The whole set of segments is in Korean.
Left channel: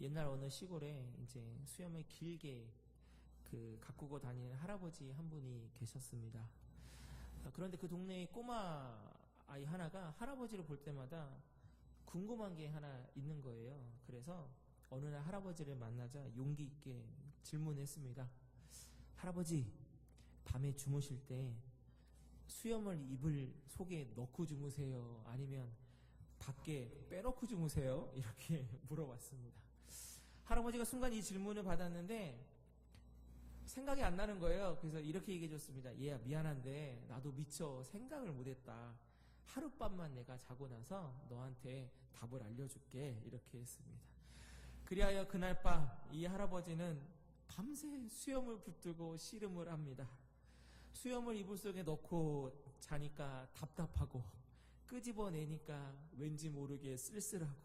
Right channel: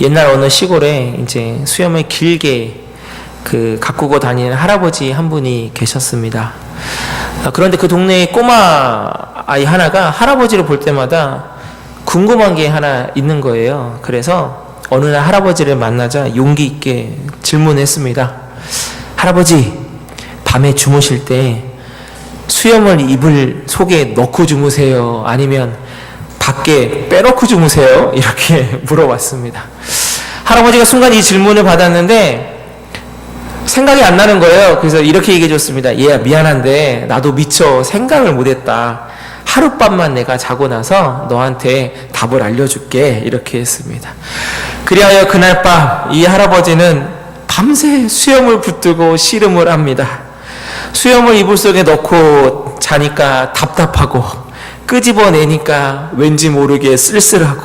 옛날 어느 시골에 이제 수염을 길게 그 가꾸고 다니는 할아버지 한 분이 계셨습니다. 아, 그런데 그 동네에 꼬마 아이 하나가 할아버지를 볼 때마다 궁금한 게 하나 있는 거예요. 그래서 어느 날 할아버지를 만나자 용기 있게 질문했습니다. 할아버지, 밤에 주무실 때 수염을 이불 속에 넣고 주무세요? 아니면 밖에 빼놓고 주무세요? 이렇게 물어봤습니다. 할아버지가 순간 이 질문을 받았는데 생각이 안 나는 거예요. 그래서 이렇게 얘기해 줬습니다. 얘야, 미안한데 나도 미처 생각을 못 했다. 하룻밤만 내가 자고 나서 너한테 답을 알려줄게. 이렇게 했습니다. 그리하여 그날 밤 이 할아버지는 밤새 수염을 붙들고 씨름을 합니다. 수염을 이불 속에 넣고 자니까 답답하고 끄집어내니까 왠지 모르게 쓸쓸하고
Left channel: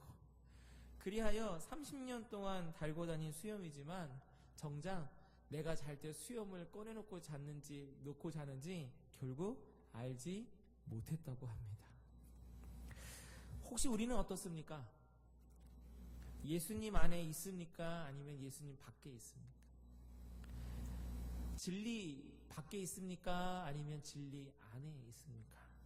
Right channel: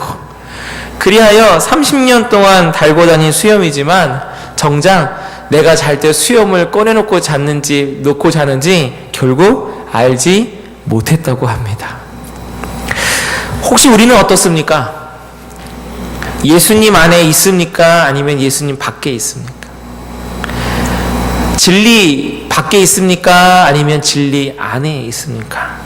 그리하여 30년 동안 달고 다닌 수염이지만 정작 내가 잘 때 수염을 꺼내놓고 잤는지 놓고 자는지 결국 알지 못했다고 합니다. 혹시 우리는 어떻습니까? 예수님 안에 있습니까? 아니면 예수님 밖에 있습니까? 진리 밖에 있습니까? 아니면 진리 안에 있습니까?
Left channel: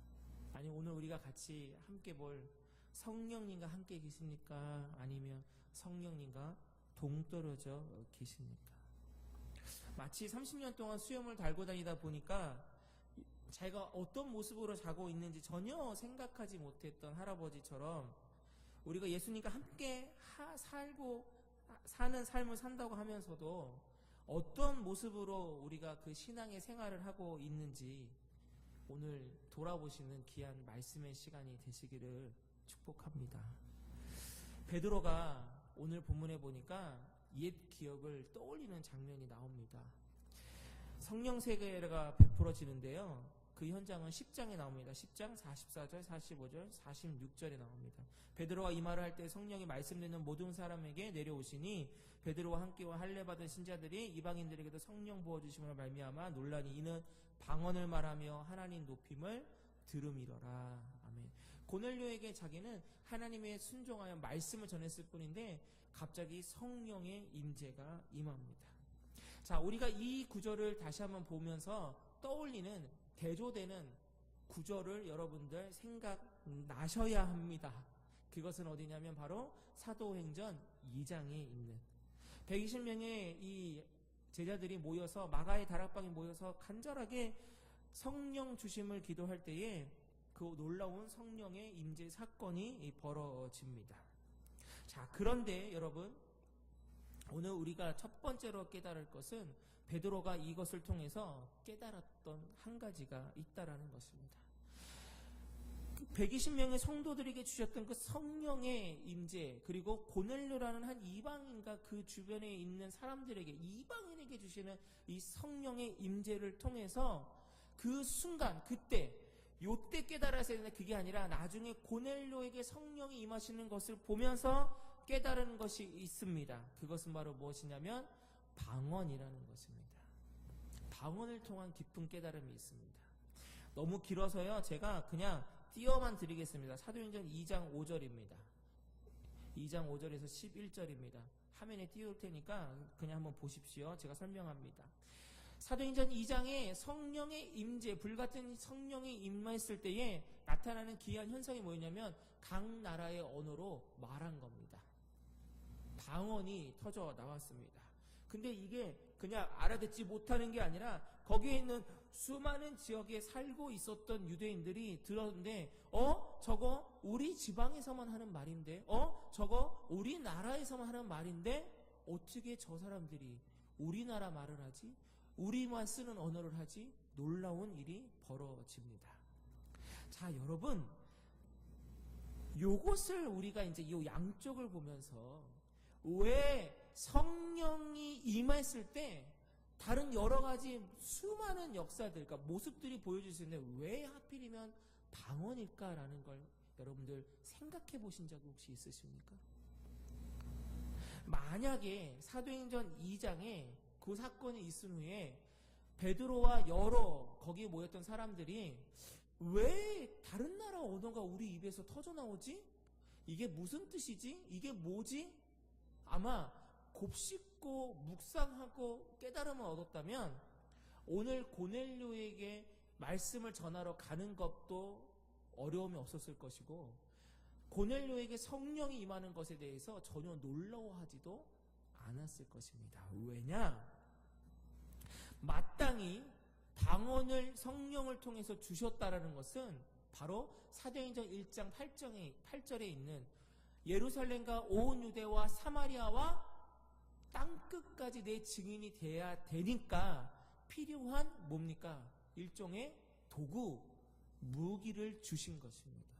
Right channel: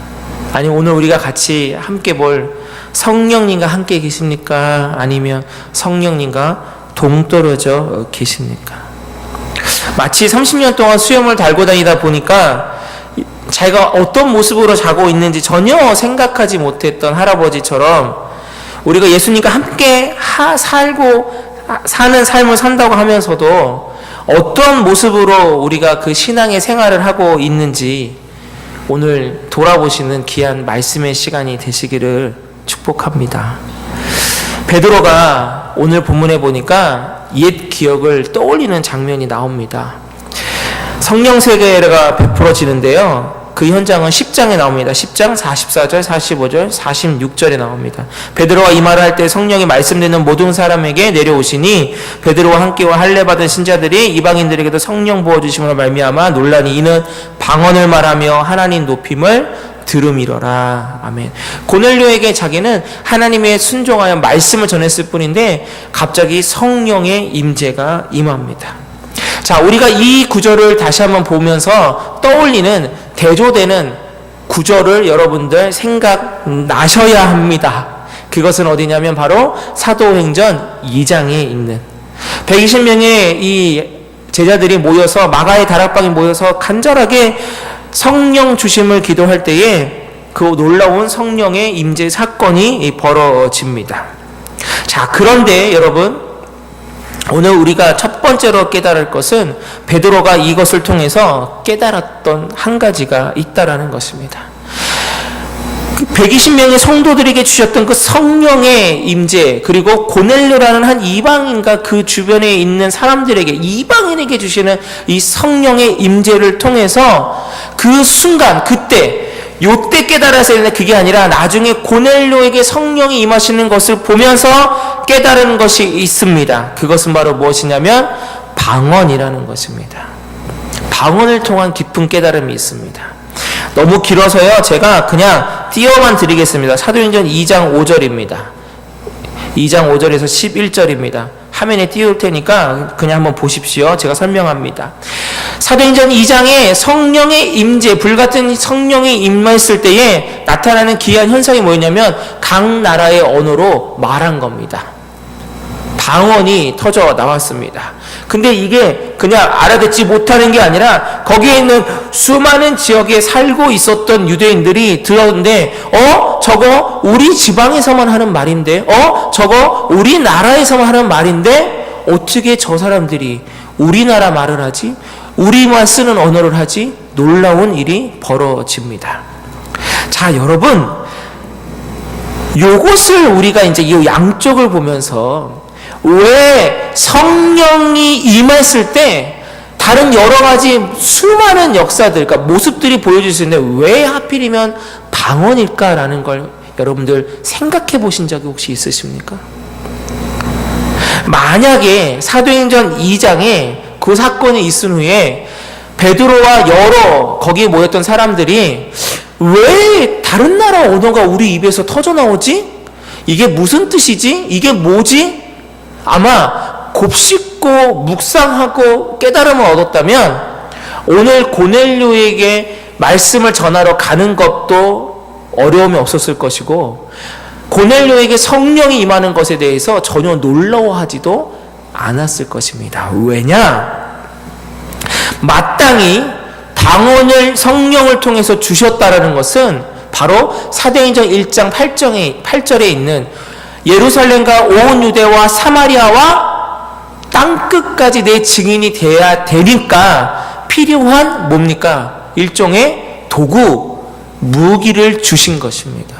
아니 오늘 우리가 같이 함께 볼 성령님과 함께 계십니까? 아니면 성령님과 동떨어져 계십니까? 마치 30년 동안 수염을 달고 다니다 보니까 자기가 어떤 모습으로 자고 있는지 전혀 생각하지 못했던 할아버지처럼 우리가 예수님과 함께 하, 살고 사는 삶을 산다고 하면서도 어떤 모습으로 우리가 그 신앙의 생활을 하고 있는지 오늘 돌아보시는 귀한 말씀의 시간이 되시기를 축복합니다. 베드로가 오늘 본문에 보니까 옛 기억을 떠올리는 장면이 나옵니다. 성령 세계가 베풀어지는데요. 그 현장은 10장에 나옵니다. 10장 44절, 45절, 46절에 나옵니다. 베드로가 이 말을 할 때 성령이 말씀되는 모든 사람에게 내려오시니 베드로와 함께와 할례 받은 신자들이 이방인들에게도 성령 부어 주심으로 말미암아 논란이 이는 방언을 말하며 하나님 높임을 들음이러라. 아멘. 고넬료에게 자기는 하나님의 순종하여 말씀을 전했을 뿐인데 갑자기 성령의 임재가 임합니다. 자, 우리가 이 구절을 다시 한번 보면서 떠올리는 대조되는 구절을 여러분들 생각나셔야 합니다. 그것은 어디냐면 바로 사도행전 2장에 있는 120명의 이 제자들이 모여서 마가의 다락방에 모여서 간절하게 성령 주심을 기도할 때에 그 놀라운 성령의 임재 사건이 벌어집니다. 자, 그런데 여러분 오늘 우리가 첫 번째로 깨달을 것은 베드로가 이것을 통해서 깨달았던 한 가지가 있다라는 것입니다. 120명의 성도들에게 주셨던 그 성령의 임재 그리고 고넬료라는 한 이방인과 그 주변에 있는 사람들에게 이방인에게 주시는 이 성령의 임재를 통해서 그 순간 그때 요때 깨달아서 했는데 그게 아니라 나중에 고넬료에게 성령이 임하시는 것을 보면서 깨달은 것이 있습니다. 그것은 바로 무엇이냐면 방언이라는 것입니다. 방언을 통한 깊은 깨달음이 있습니다. 너무 길어서요. 제가 그냥 띄어만 드리겠습니다. 사도행전 2장 5절입니다. 2장 5절에서 11절입니다. 화면에 띄울 테니까 그냥 한번 보십시오. 제가 설명합니다. 사도행전 2장에 성령의 임재, 불같은 성령이 임했을 때에 나타나는 기이한 현상이 뭐였냐면 각 나라의 언어로 말한 겁니다. 방언이 터져 나왔습니다. 근데 이게 그냥 알아듣지 못하는 게 아니라 거기에 있는 수많은 지역에 살고 있었던 유대인들이 들었는데 어? 저거 우리 지방에서만 하는 말인데? 어? 저거 우리 나라에서만 하는 말인데? 어떻게 저 사람들이 우리나라 말을 하지? 우리만 쓰는 언어를 하지? 놀라운 일이 벌어집니다. 자 여러분. 요것을 우리가 이제 이 양쪽을 보면서 왜 성령이 임했을 때 다른 여러 가지 수많은 역사들, 그러니까 모습들이 보여질 수 있는데 왜 하필이면 방언일까라는 걸 여러분들 생각해 보신 적이 혹시 있으십니까? 만약에 사도행전 2장에 그 사건이 있은 후에 베드로와 여러 거기에 모였던 사람들이 왜 다른 나라 언어가 우리 입에서 터져 나오지? 이게 무슨 뜻이지? 이게 뭐지? 아마 곱씹고 묵상하고 깨달음을 얻었다면 오늘 고넬료에게 말씀을 전하러 가는 것도 어려움이 없었을 것이고 고넬료에게 성령이 임하는 것에 대해서 전혀 놀라워하지도 않았을 것입니다. 왜냐? 마땅히 방언을 성령을 통해서 주셨다라는 것은 바로 사도행전 1장 8절에, 8절에 있는 예루살렘과 온 유대와 사마리아와 땅 끝까지 내 증인이 돼야 되니까 필요한 뭡니까? 일종의 도구, 무기를 주신 것입니다.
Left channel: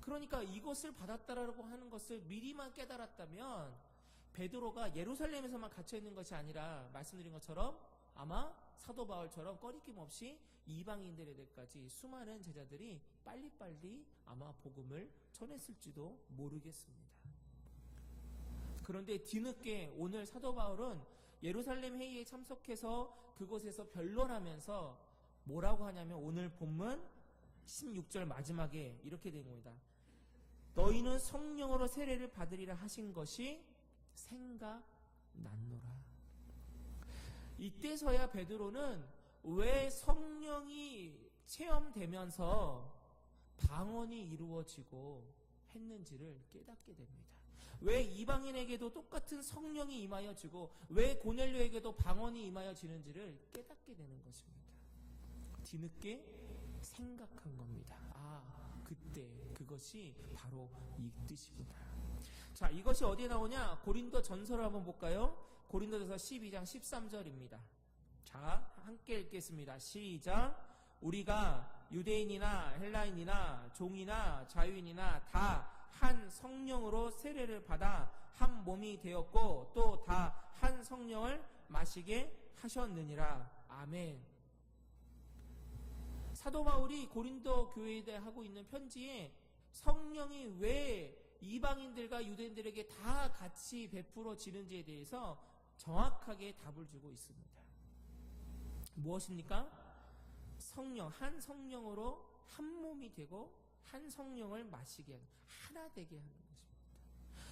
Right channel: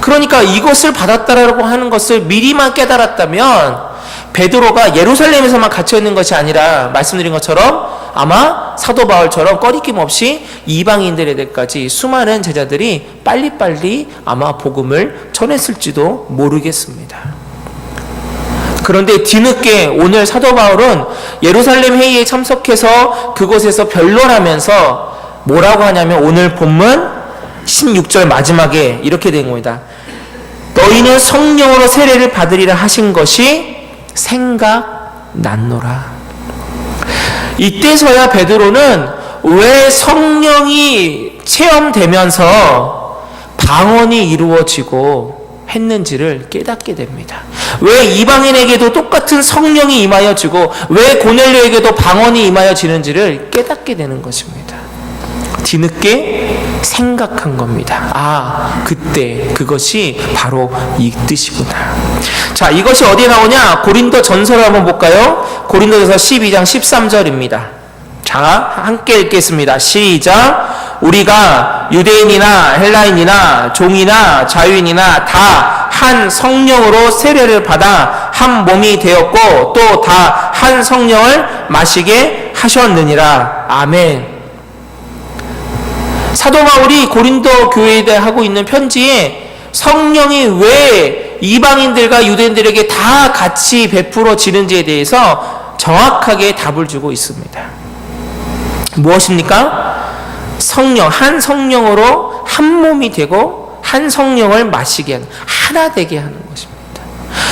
그러니까 이것을 받았다라고 하는 것을 미리만 깨달았다면 베드로가 예루살렘에서만 갇혀 있는 것이 아니라 말씀드린 것처럼 아마 사도 바울처럼 꺼리낌 없이 이방인들에게까지 수많은 제자들이 빨리빨리 아마 복음을 전했을지도 모르겠습니다. 그런데 뒤늦게 오늘 사도 바울은 예루살렘 회의에 참석해서 그곳에서 변론하면서 뭐라고 하냐면 오늘 본문 16절 마지막에 이렇게 된 겁니다. 너희는 성령으로 세례를 받으리라 하신 것이 생각났노라. 이때서야 베드로는 왜 성령이 체험되면서 방언이 이루어지고 했는지를 깨닫게 됩니다. 왜 이방인에게도 똑같은 성령이 임하여지고 왜 고넬료에게도 방언이 임하여지는지를 깨닫게 되는 것입니다. 뒤늦게 생각한 겁니다. 아, 그때 그것이 바로 이 뜻이구나. 자, 이것이 어디에 나오냐? 고린도 전서를 한번 볼까요? 고린도전서 12장 13절입니다. 자, 함께 읽겠습니다. 시작. 우리가 유대인이나 헬라인이나 종이나 자유인이나 다 한 성령으로 세례를 받아 한 몸이 되었고 또 다 한 성령을 마시게 하셨느니라. 아멘. 사도 바울이 고린도 교회에 하고 있는 편지에 성령이 왜 이방인들과 유대인들에게 다 같이 베풀어지는지에 대해서 정확하게 답을 주고 있습니다. 무엇입니까? 성령, 한 성령으로 한 몸이 되고 한 성령을 마시게 하는, 하나 되게 하는 것입니다.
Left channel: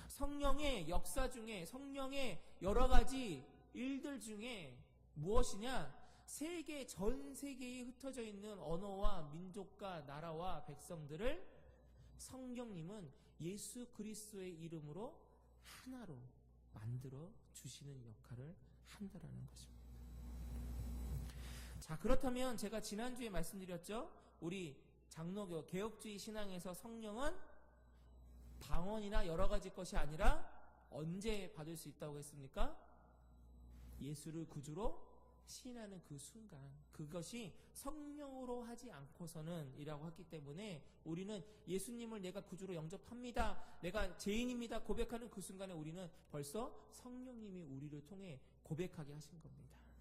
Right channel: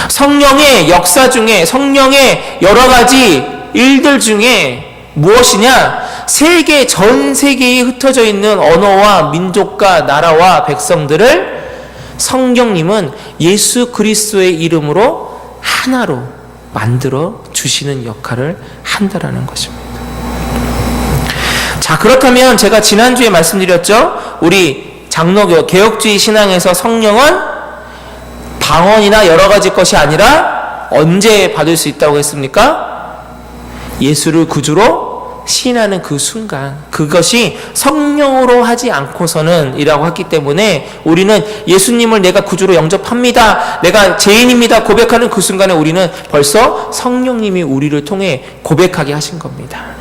성령의 역사 중에, 성령의 여러 가지 일들 중에 무엇이냐? 세계, 전 세계에 흩어져 있는 언어와 민족과 나라와 백성들을 성령님은 예수 그리스도의 이름으로 하나로 만들어 주시는 역할을 한다라는 것입니다. 자, 그렇다면 제가 지난주에 말씀드렸죠? 우리 장로교 개혁주의 신앙에서 성령은 방언이나 여러 가지 것이 아니라 언제 받을 수 있다고 했습니까? 예수를 구주로 신하는 그 순간 그것이 성령으로 하지 않고서는 이라고 했기 때문에 우리는 예수님을 내가 구주로 영접합니다. 내가 죄인입니다. 고백하는 그 순간에 우리는 벌써 성령님이 우리를 통해 고백하게 하신 겁니다.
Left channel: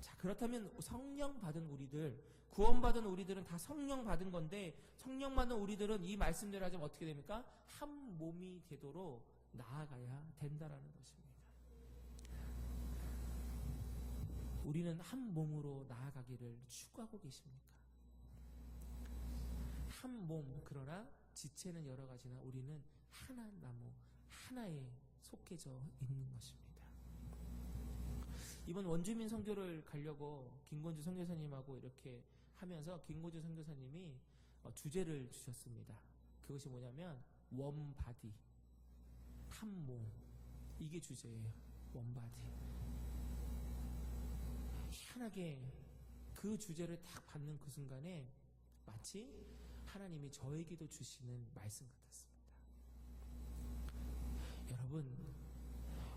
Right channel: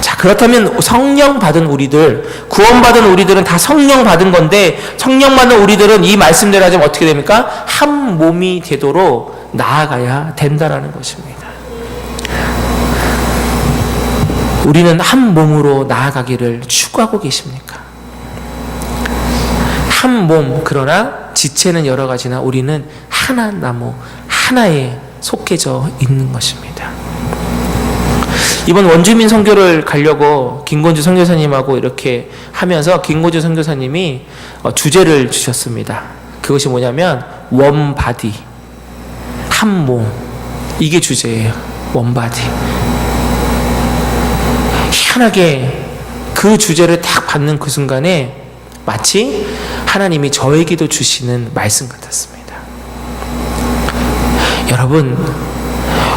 자, 그렇다면 성령 받은 우리들, 구원 받은 우리들은 다 성령 받은 건데, 성령 받은 우리들은 이 말씀대로 하자면 어떻게 됩니까? 한 몸이 되도록 나아가야 된다라는 것입니다. 우리는 한 몸으로 나아가기를 추구하고 계십니까? 한 몸, 그러나 지체는 여러 가지나 우리는 하나 나무, 하나에 속해져 있는 것입니다. 이번 원주민 선교를 가려고 김건주 선교사님하고 이렇게 하면서 김건주 선교사님이 어, 주제를 주셨습니다. 그것이 뭐냐면 원바디 한 몸. 이게 주제예요. 원바디. 희한하게 그 주제를 딱 받는 그 순간에 마치 하나님이 저에게도 주시는 말씀 같았습니다. 여러분,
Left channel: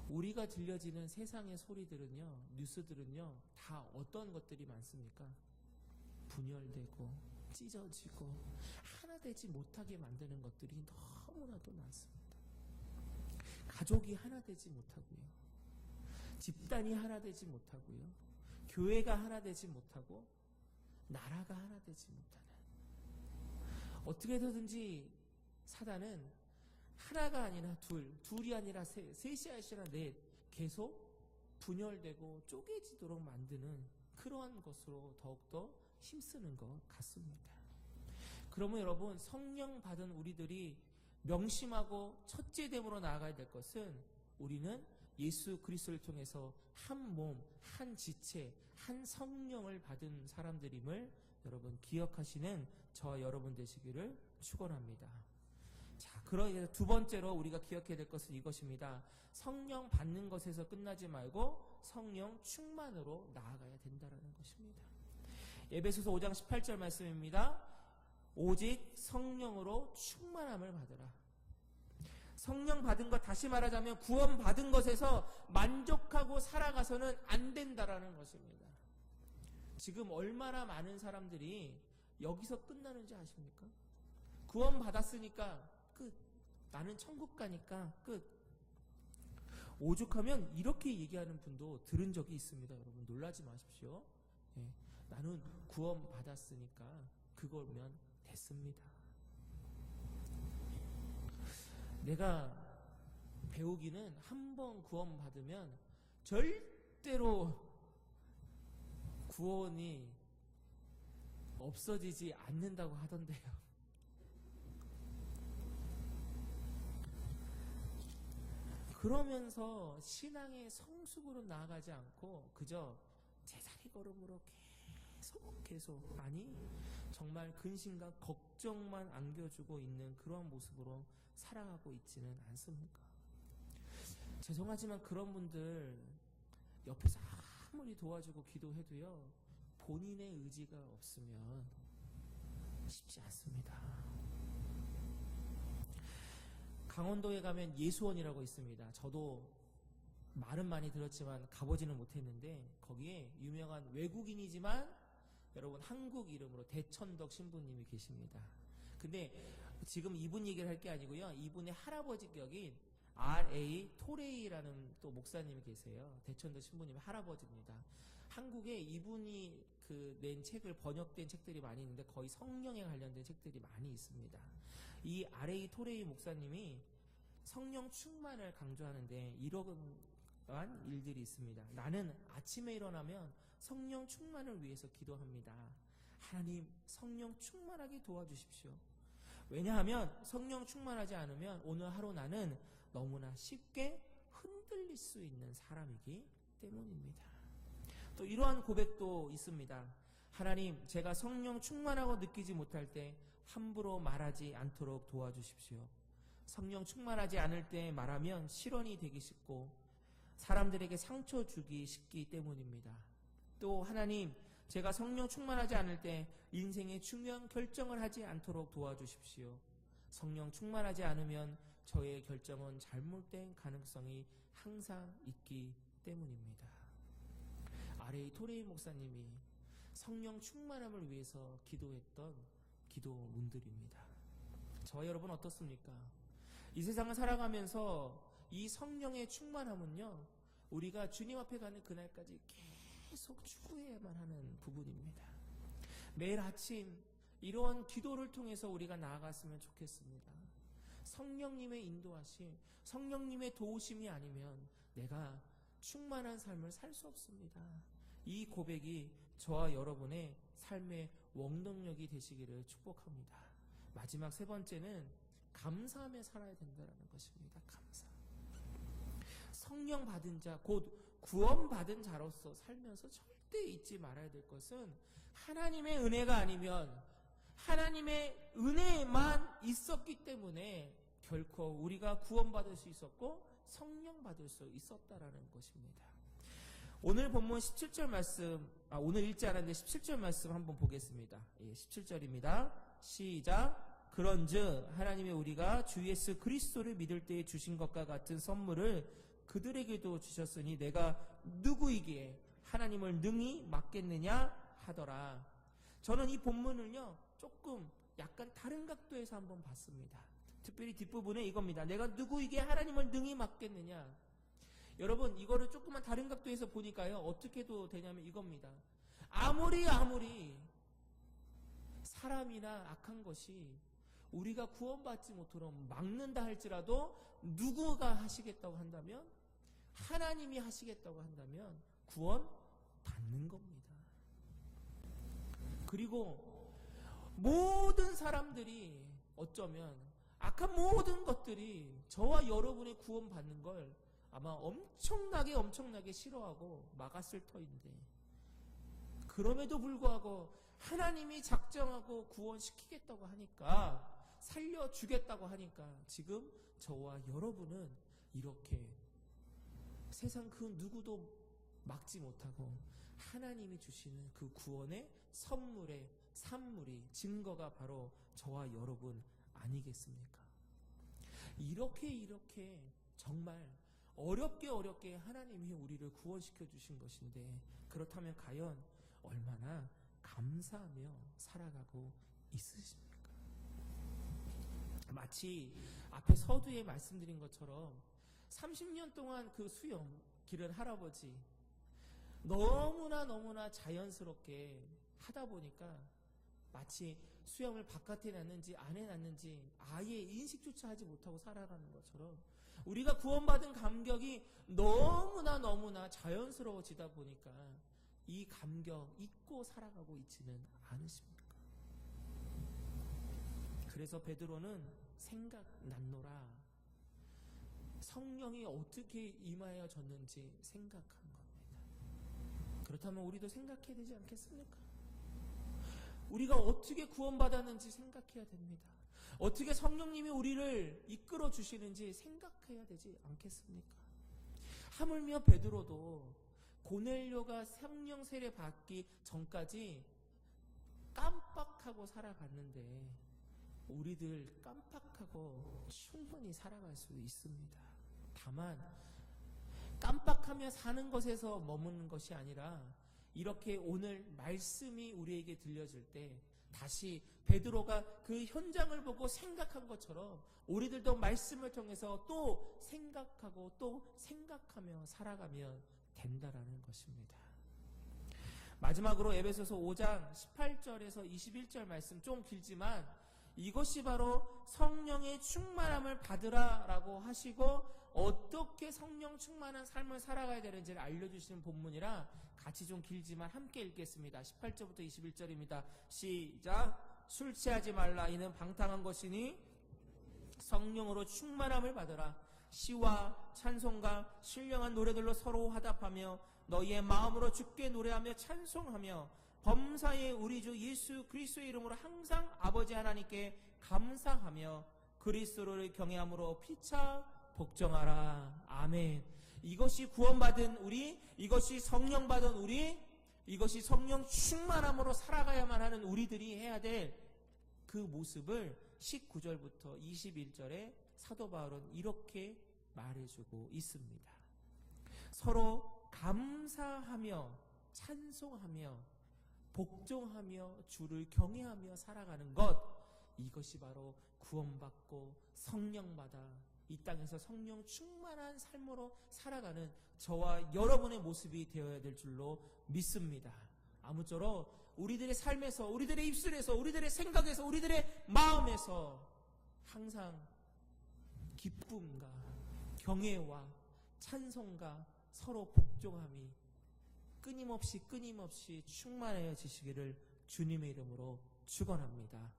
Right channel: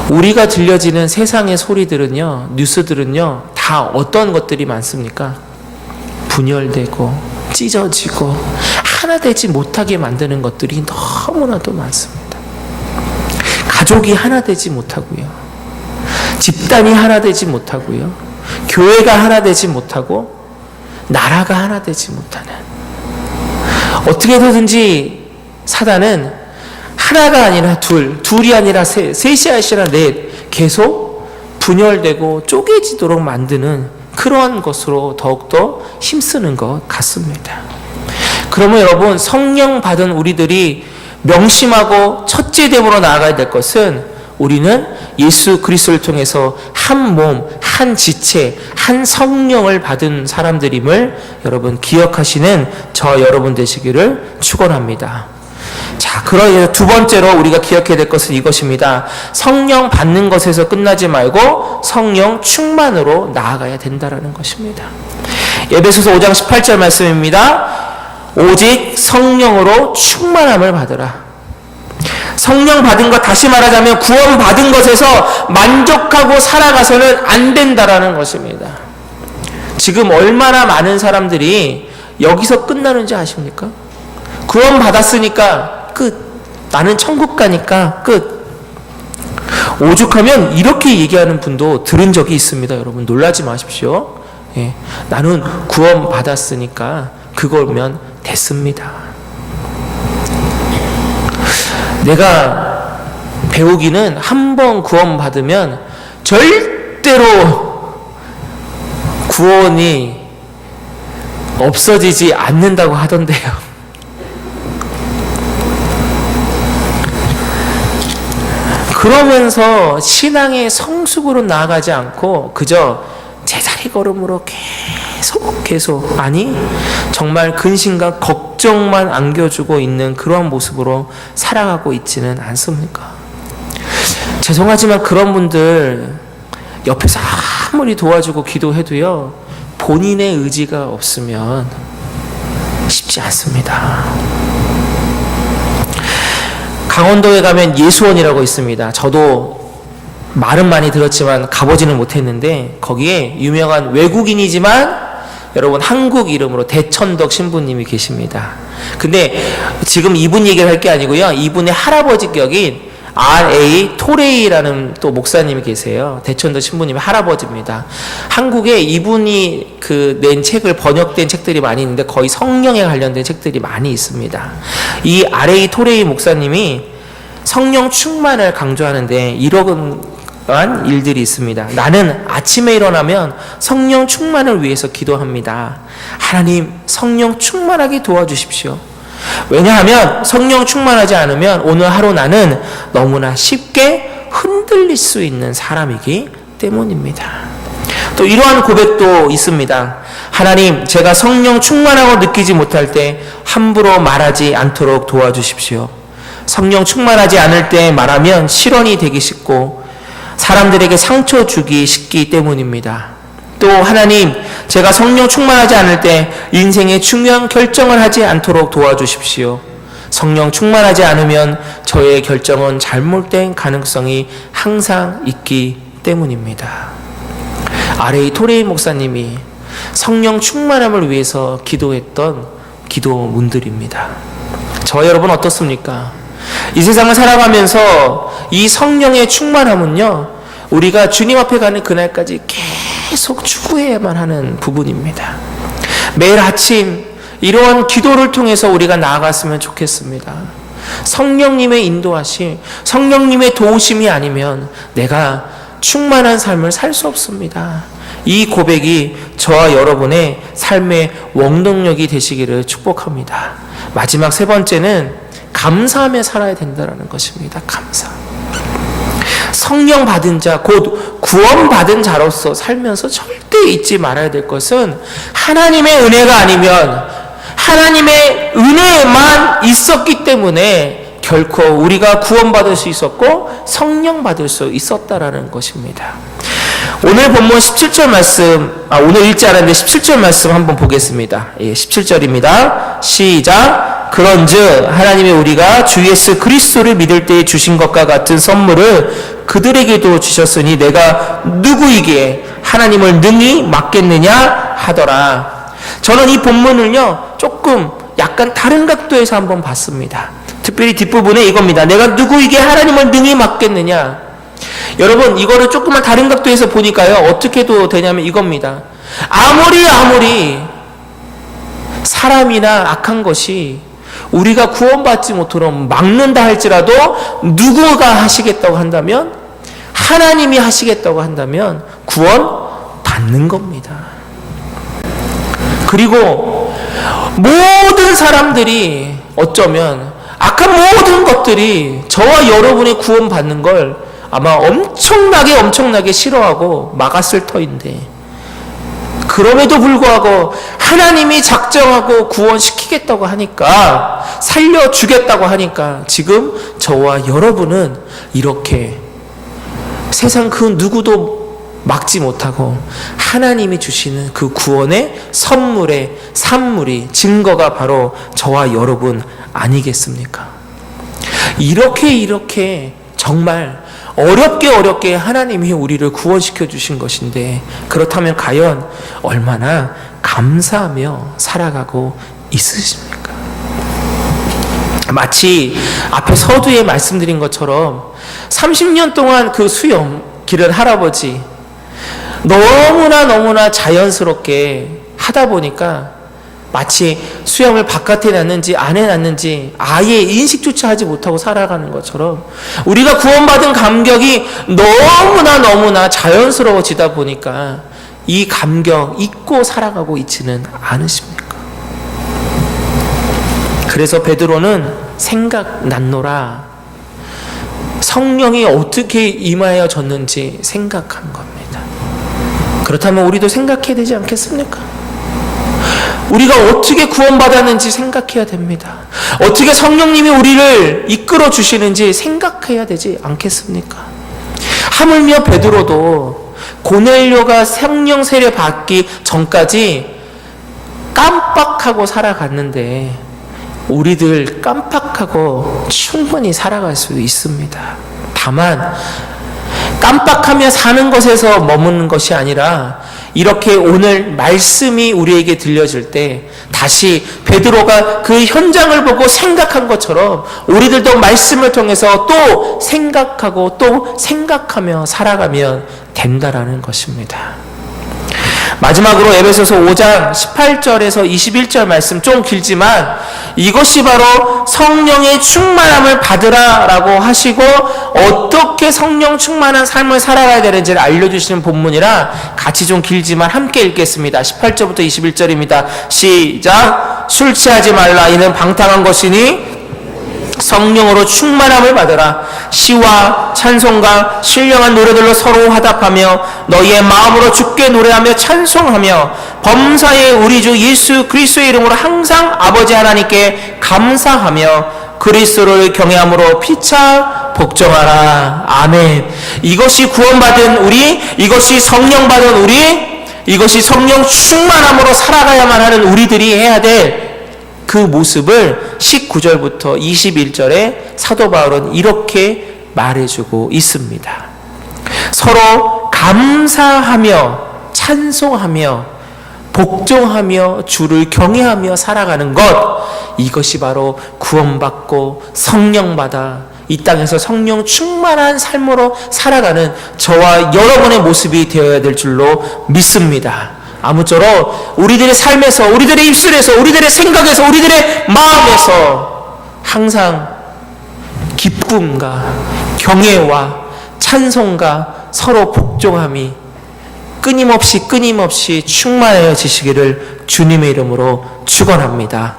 우리가 들려지는 세상의 소리들은요, 뉴스들은요, 다 어떤 것들이 많습니까? 분열되고, 찢어지고, 하나 되지 못하게 만드는 것들이 너무나도 많습니다. 가족이 하나 되지 못하고요. 집단이 하나 되지 못하고요. 교회가 하나 되지 못하고, 나라가 하나 되지 못하는. 어떻게든지 사단은 하나가 아니라 둘, 둘이 아니라 셋, 셋이 아니라 넷, 계속 분열되고 쪼개지도록 만드는 그러한 것으로 더욱더 힘쓰는 것 같습니다. 그러면 여러분, 성령 받은 우리들이 명심하고 첫째 됨으로 나아가야 될 것은 우리는 예수 그리스도를 통해서 한 몸, 한 지체, 한 성령을 받은 사람들임을 여러분 기억하시는 저 여러분 되시기를 축원합니다. 자, 그러해서 두 번째로 우리가 기억해야 될 것은 이것입니다. 성령 받는 것에서 끝나지 말고 성령 충만으로 나아가야 된다라는 것입니다. 예배소서 5장 18절 말씀입니다. 오직 성령으로 충만함을 받으라. 성령 받은 것 다시 말하자면 구원 받은 것에서 만족하고 살아가서는 안 된다라는 것입니다. 지금 얼마나 많은 사람들이 여기서 끝나는지 아십니까? 구원 받았으니까 끝. 나는 천국 가니까 끝. 오죽하면 이렇게 얘기하는 분도 들은 적이 있습니다. 여러분 놀라지 마십시오. 예, 나는 구원 받았으니까 그거면 됐습니다. 내가 배우기는 한 번 구원 받으면 절대로 구원이 없어지지 않는다고 하던데요. 그러면서 신앙의 성숙으로 나아가지 않고 그저 제자리 걸음으로 계속 계속 아니 정말 근심과 걱정만 안겨주고 있는 그러한 모습으로 살아가고 있지는 않습니까? 죄송하지만 그런 분들 옆에서 아무리 도와주고 기도해도요 본인의 의지가 없으면 쉽지 않습니다. 강원도에 가면 예수원이라고 있습니다. 저도 말은 많이 들었지만 가보지는 못했는데 거기에 유명한 외국인이지만 여러분 한국 이름으로 대천덕 신부님이 계십니다. 근데 지금 이분 얘기를 할 게 아니고요. 이분의 할아버지 격인 R.A. 토레이라는 또 목사님이 계세요. 대천덕 신부님의 할아버지입니다. 한국에 이분이 그 낸 책을 번역된 책들이 많이 있는데 거의 성령에 관련된 책들이 많이 있습니다. 이 R.A. 토레이 목사님이 성령 충만을 강조하는데 이 런 일들이 있습니다. 나는 아침에 일어나면 성령 충만을 위해서 기도합니다. 하나님 성령 충만하게 도와주십시오. 왜냐하면 성령 충만하지 않으면 오늘 하루 나는 너무나 쉽게 흔들릴 수 있는 사람이기 때문입니다. 또 이러한 고백도 있습니다. 하나님, 제가 성령 충만하고 느끼지 못할 때 함부로 말하지 않도록 도와주십시오. 성령 충만하지 않을 때 말하면 실언이 되기 쉽고 사람들에게 상처 주기 쉽기 때문입니다. 또 하나님, 제가 성령 충만하지 않을 때 인생의 중요한 결정을 하지 않도록 도와주십시오. 성령 충만하지 않으면 저의 결정은 잘못된 가능성이 항상 있기 때문입니다. 아레이 토레이 목사님이 성령 충만함을 위해서 기도했던 기도문들입니다. 저 여러분 어떻습니까? 이 세상을 살아가면서 이 성령의 충만함은요, 우리가 주님 앞에 가는 그날까지 계속 추구해야만 하는 부분입니다. 매일 아침 이러한 기도를 통해서 우리가 나아갔으면 좋겠습니다. 성령님의 인도하심, 성령님의 도우심이 아니면 내가 충만한 삶을 살 수 없습니다. 이 고백이 저와 여러분의 삶의 원동력이 되시기를 축복합니다. 마지막 세 번째는 감사하며 살아야 된다는 것입니다. 감사. 성령 받은 자, 곧 구원 받은 자로서 살면서 절대 잊지 말아야 될 것은 하나님의 은혜가 아니면 하나님의 은혜만 있었기 때문에 결코 우리가 구원받을 수 있었고 성령 받을 수 있었다라는 것입니다. 오늘 본문 17절 말씀, 아, 오늘 읽지 않았는데 17절 말씀 한번 보겠습니다. 예, 17절입니다. 시작. 그런즉 하나님의 우리가 주 예수 그리스도를 믿을 때 주신 것과 같은 선물을 그들에게도 주셨으니 내가 누구에게 하나님을 능히 맡겠느냐 하더라. 저는 이 본문을요, 조금 약간 다른 각도에서 한번 봤습니다. 특별히 뒷부분에 이겁니다. 내가 누구에게 하나님을 능히 맡겠느냐. 여러분, 이거를 조금만 다른 각도에서 보니까요, 어떻게 도 되냐면 이겁니다. 아무리, 아무리 사람이나 악한 것이 우리가 구원받지 못하도록 막는다 할지라도 누구가 하시겠다고 한다면 하나님이 하시겠다고 한다면 구원 받는 겁니다. 그리고 모든 사람들이 어쩌면 악한 모든 것들이 저와 여러분이 구원 받는 걸 아마 엄청나게 엄청나게 싫어하고 막았을 터인데 그럼에도 불구하고 하나님이 작정하고 구원시키겠다고 하니까 살려주겠다고 하니까 지금 저와 여러분은 이렇게 세상 그 누구도 막지 못하고 하나님이 주시는 그 구원의 선물의 산물이 증거가 바로 저와 여러분 아니겠습니까? 이렇게 이렇게 정말 어렵게 어렵게 하나님이 우리를 구원시켜 주신 것인데 그렇다면 과연 얼마나 감사하며 살아가고 있으십니까? 마치 앞에 서두에 말씀드린 것처럼 30년 동안 그 수염 기른 할아버지 너무나 너무나 자연스럽게 하다 보니까 마치 수염을 바깥에 놨는지 안에 놨는지 아예 인식조차 하지 못하고 살아가는 것처럼 우리가 구원받은 감격이 너무나 너무나 자연스러워지다 보니까 이 감격 잊고 살아가고 있지는 않으십니까? 그래서 베드로는 생각났노라 성령이 어떻게 임하여졌는지 생각한 겁니다. 그렇다면 우리도 생각해야 되지 않겠습니까? 우리가 어떻게 구원받았는지 생각해야 됩니다. 어떻게 성령님이 우리를 이끌어 주시는지 생각해야 되지 않겠습니까? 하물며 베드로도 고넬료가 성령 세례 받기 전까지 깜빡하고 살아갔는데 우리들 깜빡하고 충분히 살아갈 수 있습니다. 다만 깜빡하며 사는 것에서 머무는 것이 아니라 이렇게 오늘 말씀이 우리에게 들려질 때 다시 베드로가 그 현장을 보고 생각한 것처럼 우리들도 말씀을 통해서 또 생각하고 또 생각하며 살아가면 된다라는 것입니다. 마지막으로 에베소서 5장 18절에서 21절 말씀 좀 길지만 이것이 바로 성령의 충만함을 받으라라고 하시고 어떻게 성령 충만한 삶을 살아가야 되는지를 알려주시는 본문이라 같이 좀 길지만 함께 읽겠습니다. 18절부터 21절입니다. 시작. 술 취하지 말라 이는 방탕한 것이니 성령으로 충만함을 받으라. 시와 찬송과 신령한 노래들로 서로 화답하며 너희의 마음으로 주께 노래하며 찬송하며 범사의 우리 주 예수 그리스도의 이름으로 항상 아버지 하나님께 감사하며 그리스도를 경외함으로 피차 복종하라. 아멘. 이것이 구원받은 우리 이것이 성령 받은 우리 이것이 성령 충만함으로 살아가야만 하는 우리들이 해야 될 그 모습을 19절부터 21절에 사도 바울은 이렇게 말해주고 있습니다. 서로 감사하며 찬송하며 복종하며 주를 경외하며 살아가는 것 이것이 바로 구원받고 성령받아 이 땅에서 성령 충만한 삶으로 살아가는 저와 여러분의 모습이 되어야 될 줄로 믿습니다. 아무쪼록 우리들의 삶에서, 우리들의 입술에서, 우리들의 생각에서, 우리들의 마음에서 항상 기쁨과 경애와 찬송과 서로 복종함이 끊임없이 끊임없이 충만해지시기를 주님의 이름으로 축원합니다.